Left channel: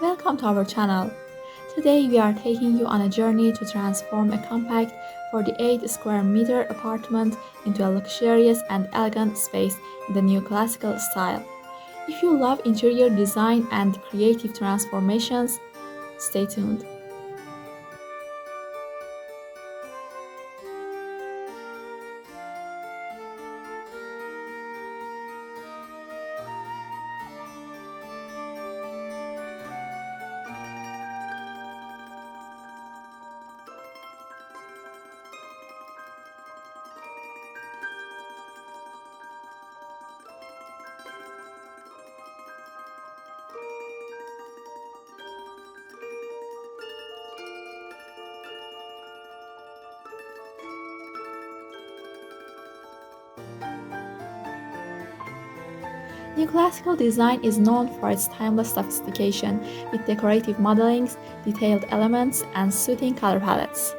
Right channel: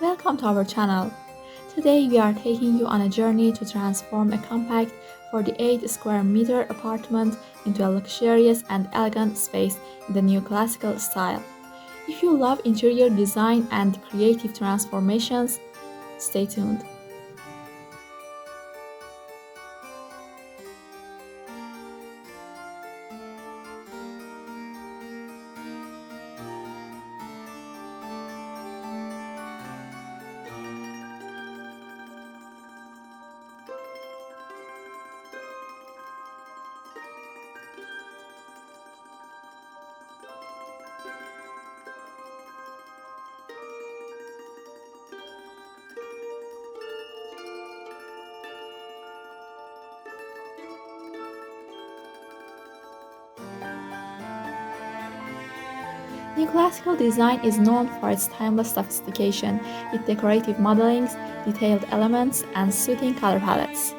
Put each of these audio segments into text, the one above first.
Welcome to our channel. Today we are taking you on a journey to transform a compact 48 square meter apartment into a luxurious and elegant space in the neoclassical style. If you love interior design and creative transformations, stay tuned. Neoclassical design is known for its timeless sophistication with decorative modelings, detailed elements, and soothing color palettes.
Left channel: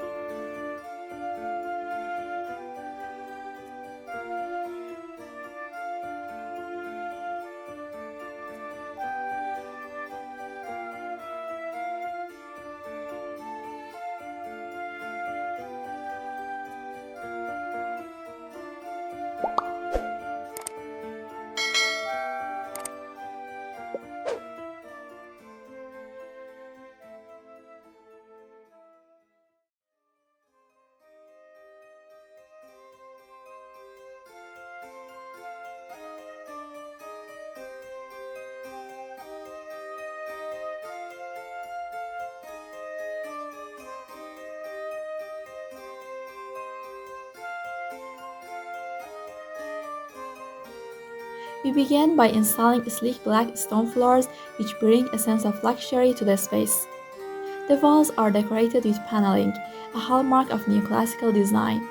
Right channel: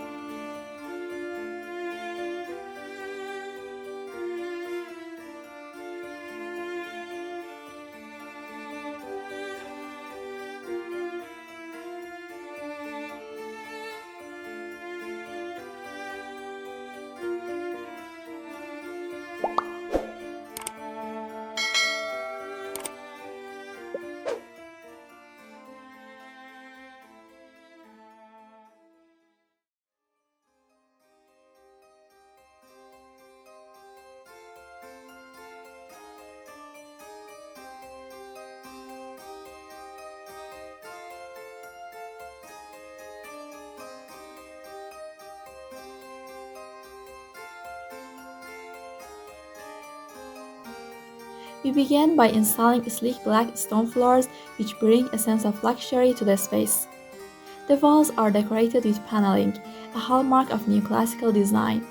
We begin by installing sleek black stone floors which bring a sense of luxury to the space. The walls are decorated with paneling, a hallmark of neoclassical design.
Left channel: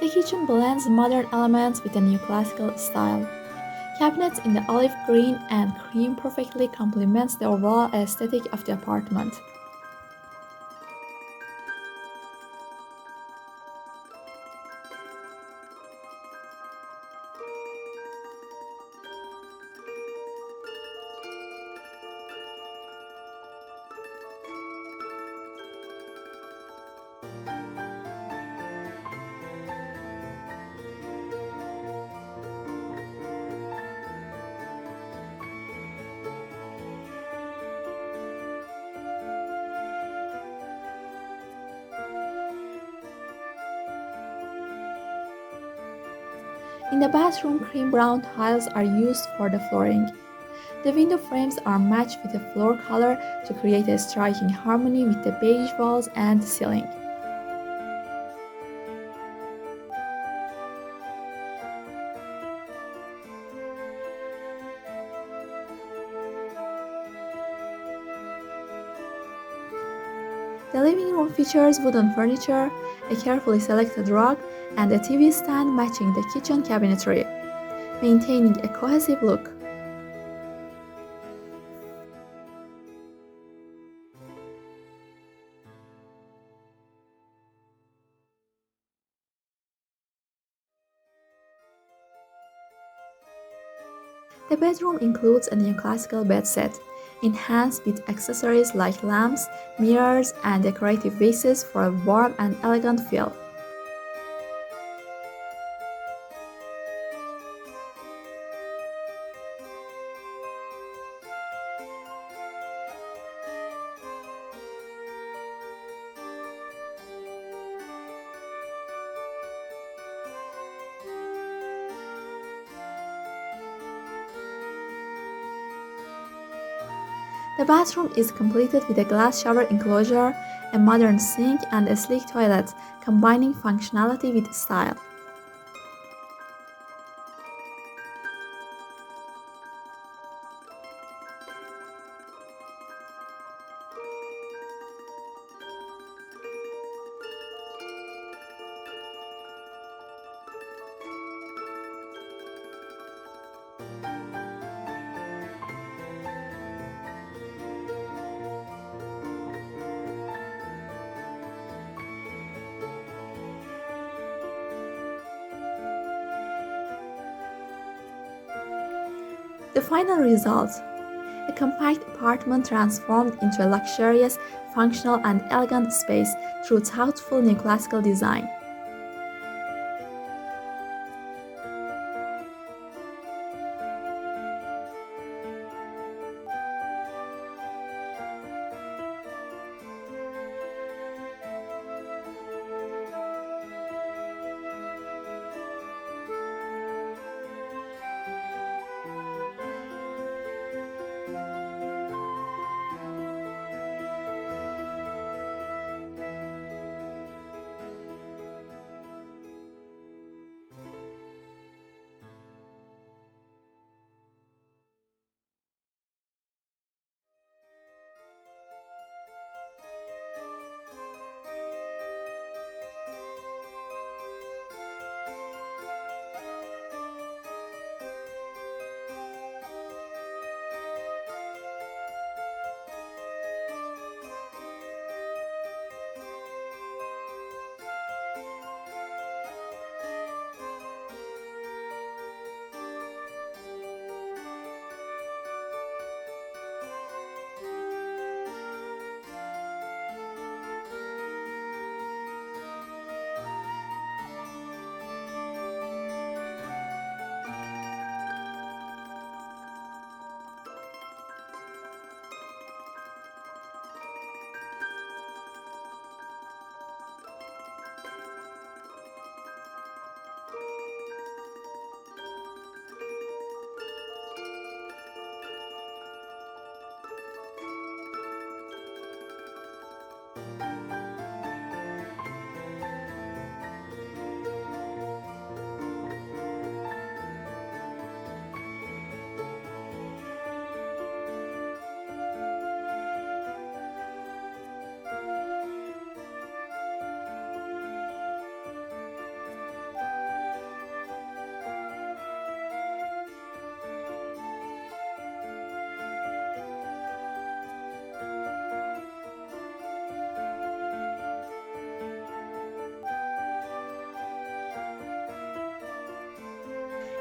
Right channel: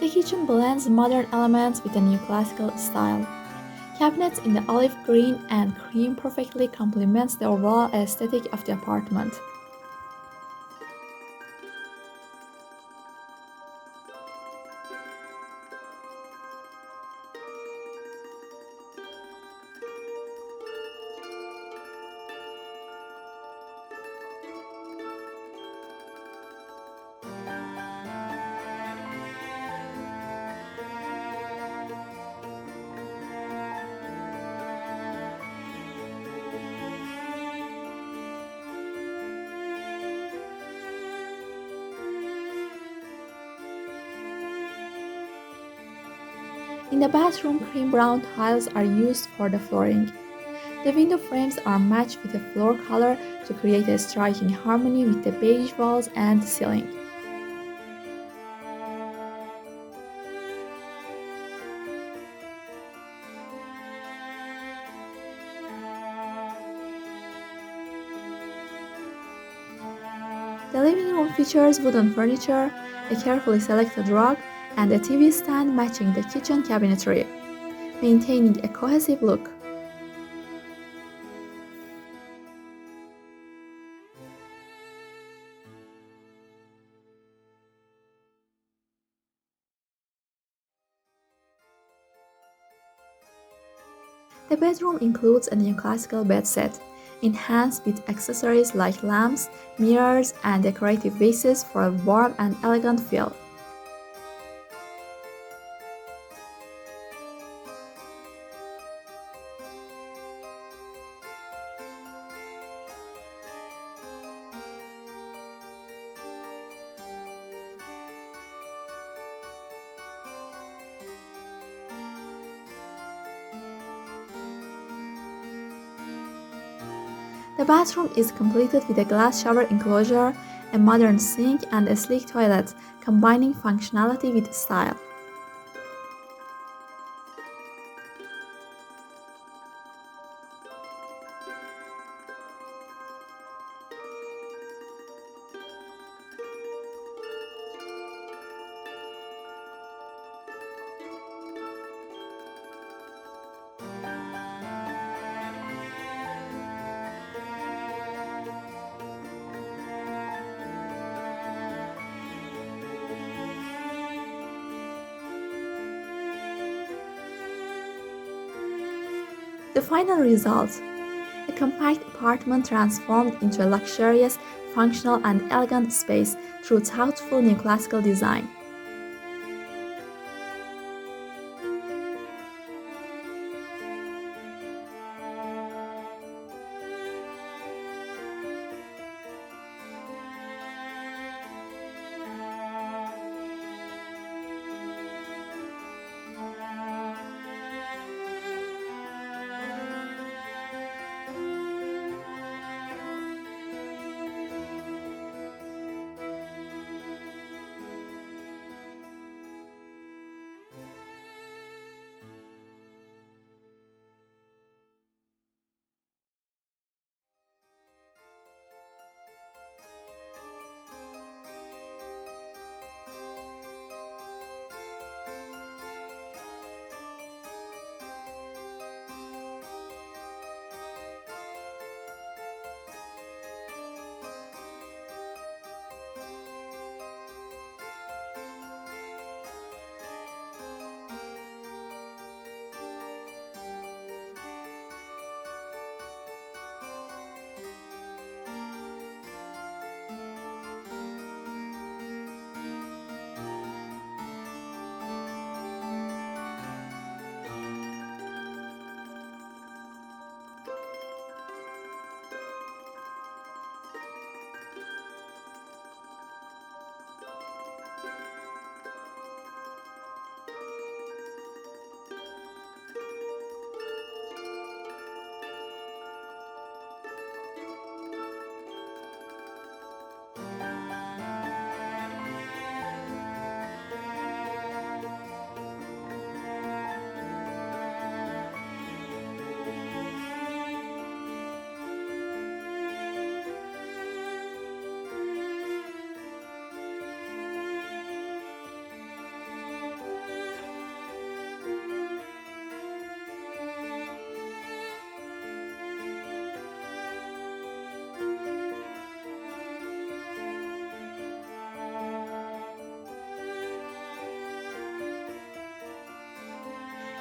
The kitchen blends modern elements with a neoclassical style. Cabinets in the olive green and cream perfectly complements the overall aesthetic of the apartment. In the bathroom, cream brown tiles are used for the flooring. The window frames are matched with a floor color to create a striking harmony with the beige walls and ceiling. The living room features wooden furniture, a carefully selected rug, and a TV stand matching the kitchen cabinetry, maintaining a cohesive look. The bedroom includes a neoclassical bed set, enhanced with accessories like lamps, mirrors, and decorative vases for a warm and elegant feel. The bathroom is completed with a glass shower enclosure, a modern sink, and a sleek toilet, combining functionality with style. The final result: a compact apartment transformed into a luxurious, functional, and elegant space through thoughtful neoclassical design.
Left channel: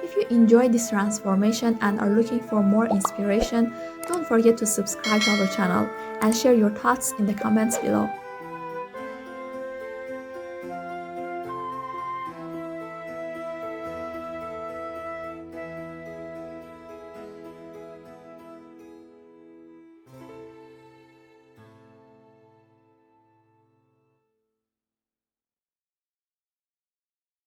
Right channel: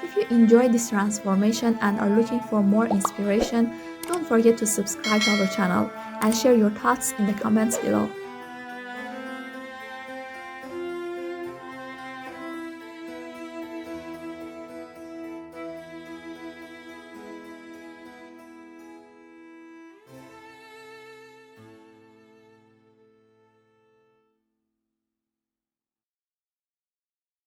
If you enjoyed this transformation and are looking for more inspiration, don't forget to subscribe to our channel and share your thoughts in the comments below.